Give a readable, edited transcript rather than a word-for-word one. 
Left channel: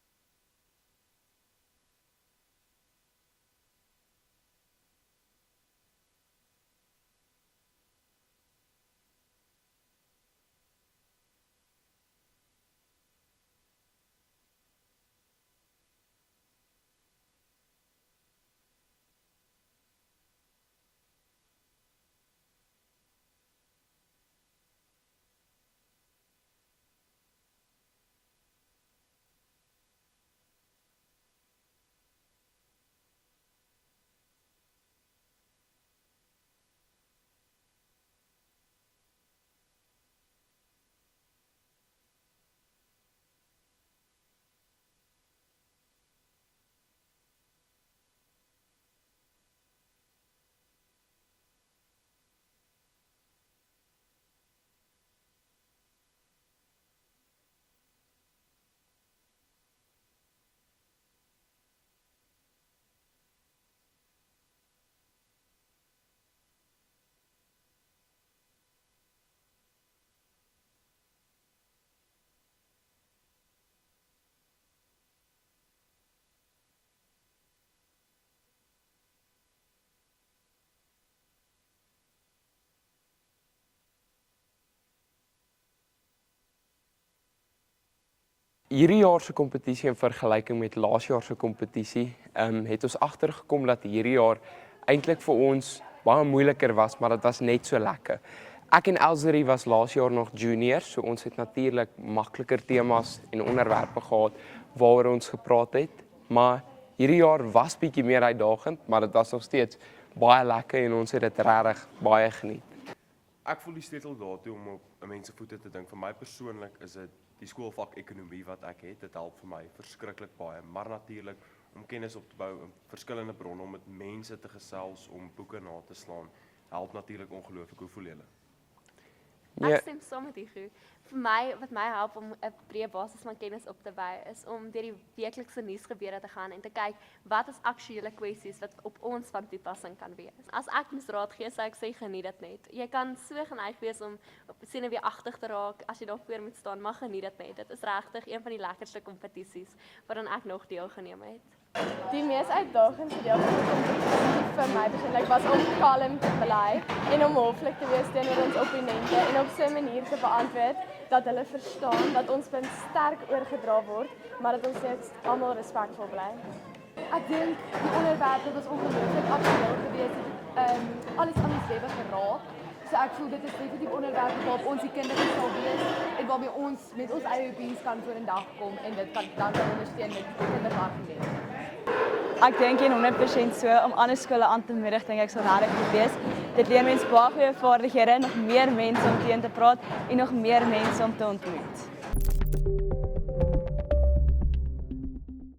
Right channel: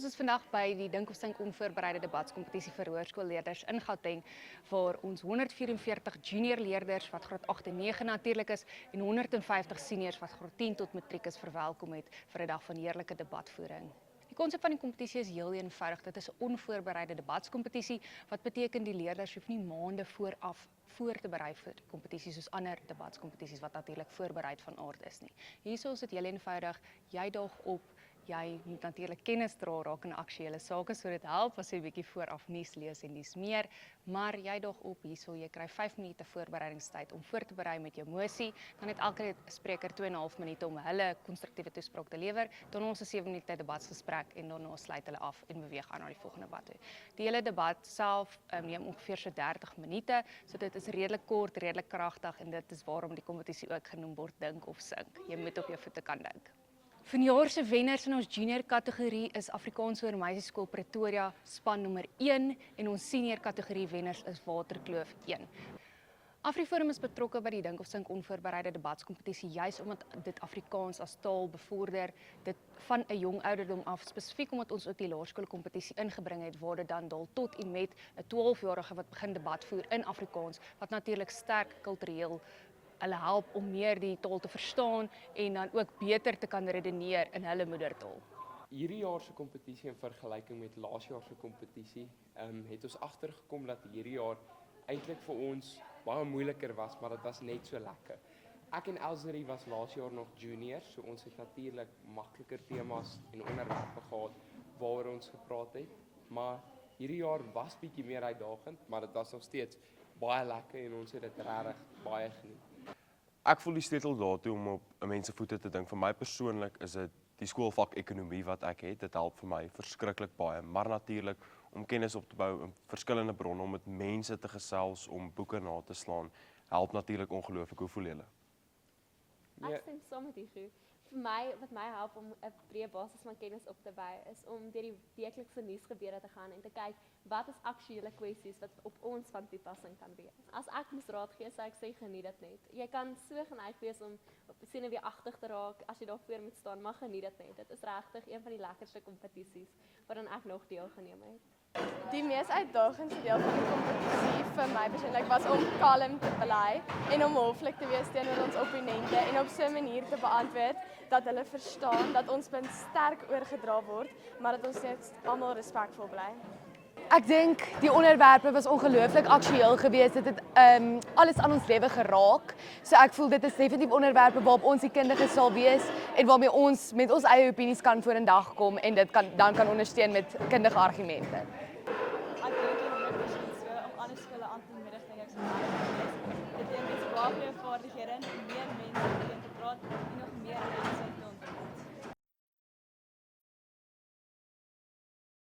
Ons is vandag by die Dink of Sink onvoorbereide debatskompetisie vir hoërskoolleerders in Gauteng, waar ons 144 junior leerders wat graad 8 en 9 natuurlik is en 150 seniors wat graad 10 tot matriek is verwelkom het vir 'n dag van heerlike debatvoering. Die konsep van die kompetisie is heel eenvoudig. Dit is 'n onvoorbereide debatskompetisie, wat beteken die leerders hoef nie maande vooraf voor te berei vir die kompetisie soos ander debatskompetisies wat natuurlik voorbereid van aard is nie. Hierso is dit heel eenvoudig. Jy daag op. Jy moet natuurlik kennis dra rakende aktuelle sake, so dit help as jy 'n bietjie vooraf nuus lees en dis meer, maar jy daag op hierso, jy kry 5 minute voorbereidingstyd om voor te berei met jou mosie, dan het elke spreker 2,5 minute om hulle konstruktiewe toespraak te lewer, dan ons 'n 7 minute debatsgesprek en daarna sluit hulle af en beweeg aan na die volgende debat toe. Die hele debat self neem ongeveer so 30 minute, so dit is redelik kort, redelik kragtig en dit is waarom die kompetisie ook genoem word Dink of Sink. Jy moet op jou voete kan dink. Vanjaar se wenners in ons junior kategorie is Afrikaans Hoër Meisieskool Pretoria span nommer 1 en ons senior kategorie wenners is Waterkloof 1. AfriForum is betrokke by die Dink of Sink onvoorbereide debatskompetisie juis omdat dit Afrikaans as taal bevorder, dit van 'n jong ouderdom af, spesifiek omdat ons ook die laerskoolkompetisie ingebring het waar dit dan daal tot en met 'n 12-jarige wat begin debat voer in Afrikaans, wat natuurlik sterk kultureel hulle help om meer die taal te verstaan en dan ook beter te kan redeneer in hulle moedertaal. Hierdie jaar se kompetisie in vergelyking met laas jaar se kompetisie, het ons agtergekom dat hierdie jaar eintlik vir ons baie moeiliker was, maar dit was net so lekker. Ek en Elzerie was laas jaar nog juniors, so ons het natuurlik makliker temas en onderwerpe gehad waaroor ons gepraat het, maar hierdie jaar was bietjie meer uitdagend, maar dit was nog steeds baie lekker en ons het dit regtig baie geniet. Ek voel die sleutel daartoe om op 'n mens se voete te dink. Vir my persoonlik is dit die skoolvak ekonomie wat ek het. Dit help vir my verskriklik baie, maar natuurlik om kennis op te bou in verskillende bronne, om met mense te gesels, om boeke na te slaan, help natuurlik ongelooflik. Hoe voel julle? Ek stem saam met u. Vir my, wat my help om 'n breë basis van kennis op te bou, is om deur die weeklikse nuusgebeure te gaan en te kyk wat is aktuelle kwessies wat op ons van toepassing kan wees. As ek moes raad gee, sou ek sê geniet dit net. Jy kan so geneig wees om op senuweeagtig te raak as jy daar voor moet staan, maar geniet dit net. Dit is regtig een van die lekkerste kompetisies waaraan ek nog deelgeneem het. Die mees uitdagende deel van die kompetisie vir my persoonlik was om kalm te bly en om hoflik te wees teenoor ons opponente en op so 'n manier te beantwoord dat hulle verstaan dat ons punt sterk oorgedra word, maar dat ons net almal respekvol bly. Ek dink die onderwerpe was ongelooflik aktueel geweest. Dit het alles aan ons lewe geraak. So ek voel dit is definitief onderwerpe waarop ons die kundiges sal wees en waarmee ons met ons eie opinies kan vorendag kom en dit dan kan ondersteun met kundige argumente. Ek dink 100% so, om ander skole aan te moedig, dink ek sal regtig goed wees. Dit leer mense baie goeie vaardighede, nog meer mense om teen te praat en nog meer mense om te ontmoet.